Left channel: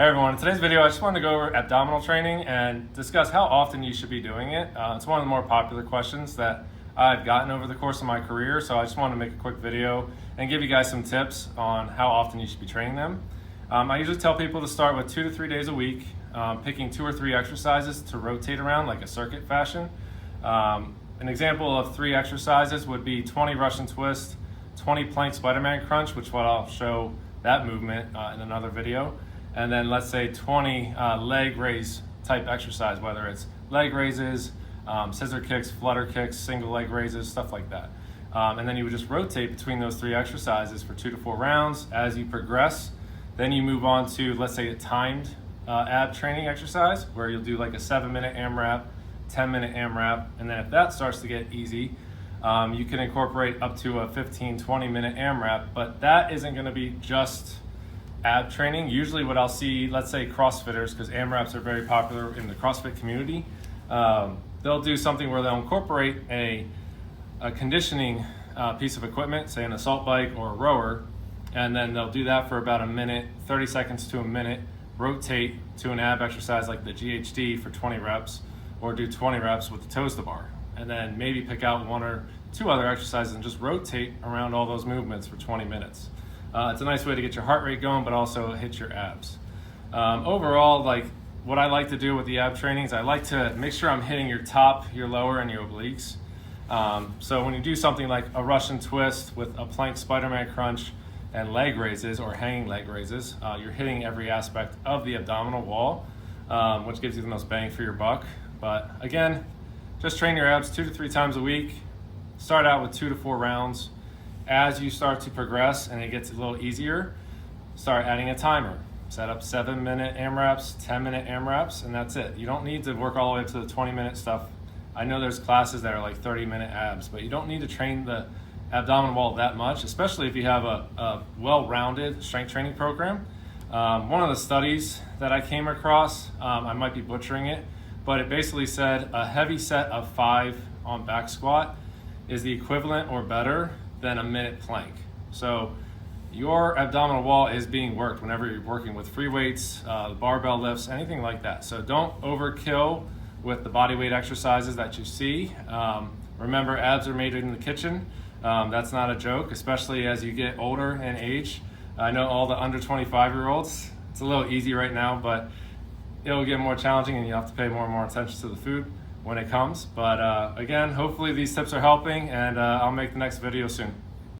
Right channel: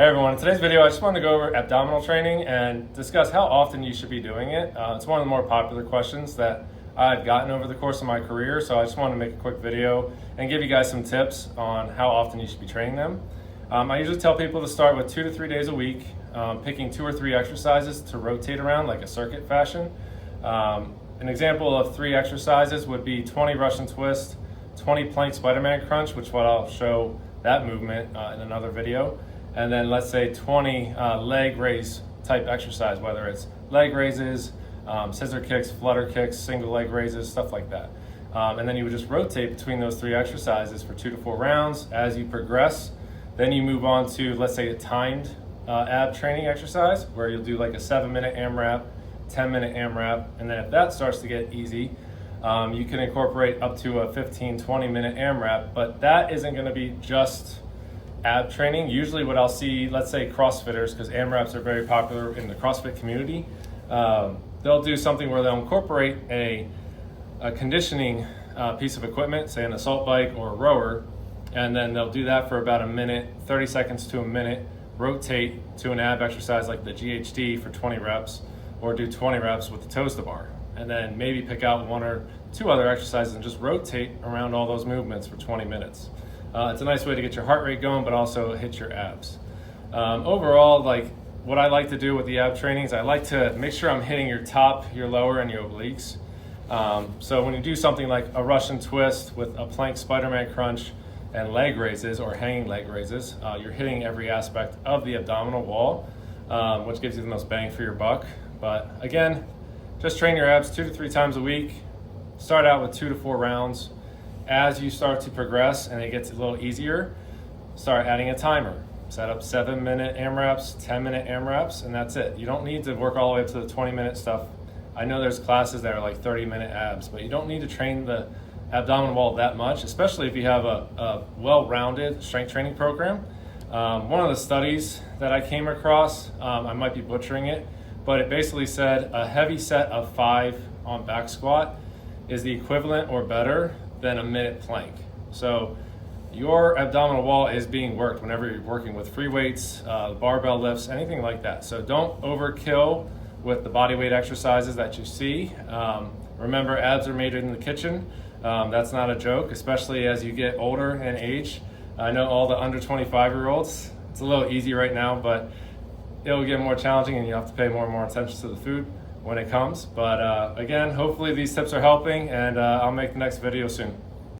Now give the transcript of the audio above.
Hey everyone, in today's video I just wanted to go over abdominal training and discuss how often you should be doing it. It's one of the more popular questions that I've gotten over the course of my career, so I just wanted to make a quick video and give you guys some tips on how often you should be training them. I usually tell people to start with 2 to 3 days a week, picking 2 or 3 exercises to rotate around like a circuit fashion. An example of 3 exercises would be 20 Russian twist, 20 plank Spider-Man crunch, which what I'll show that movement in another video. And then let's say 20 leg raise type exercise, whether it's leg raises, scissor kicks, flutter kicks, single leg raises, stuff like that. And then you would just rotate between those 3 exercises for 2 to 4 rounds. As you progress, then you move on to, let's say, a timed ab training exercise where you'll do like a 7-minute AMRAP, 10-minute AMRAP, and then if that starts to get easy, you can incorporate up to a 15-20 minute AMRAP, but that isn't going to be just ab training. Usually what I'll see, let's say CrossFitters, because AMRAPs are very popular in the CrossFit community, they'll do something where they'll incorporate a conditioning piece of equipment, say an assault bike or a rower, and then they'll do that for about a minute, 30 seconds to a minute, rotate to an ab exercise like the GHD for 20 reps, or do 20 reps with the toes to bar, and then maybe pick out 1 or 2 other exercises and just rotate around all those movements for 20 minutes. It's a nice way to get your heart rate going, but also hit your abs. Overall, like what I like to do with the ab training is I like to make sure I'm hitting your top, your lower, and your obliques. So when you do something like a Russian twist with a plank Spider-Man crunch and leg raises or hanging leg raises, you're hitting every aspect of the abdominal wall, which gives you the most bang for your buck. But again, just train your abs 2 to 3 times a week. Start out with 2 to 4 rounds. As you start to progress and it gets a little easier, start adding a timer. Set up 7-minute AMRAPs, 10-minute AMRAPs, and that's it. You don't need to work all the way up to the 20-minute stuff. I know there's classes that are like 30-minute abs, but you don't need to train the abdominal wall that much, especially if you have a well-rounded strength training program. One of the studies that I came across, I might be butchering it, but it basically said a heavy set of 5 on back squat is the equivalent or better than a minute plank. So your abdominal wall is being worked whenever you're working with free weights, barbell lifts, anything like that. So don't overkill with the body weight exercises that you see. Remember, abs are made in the kitchen. That's not a joke, especially as you get older in age. I know all the under 25-year-olds, it's a little easy right now, but it'll get more challenging and you have to pay more and more attention to the food when it comes. But again, hopefully these tips are helping, and I'll make the next video soon.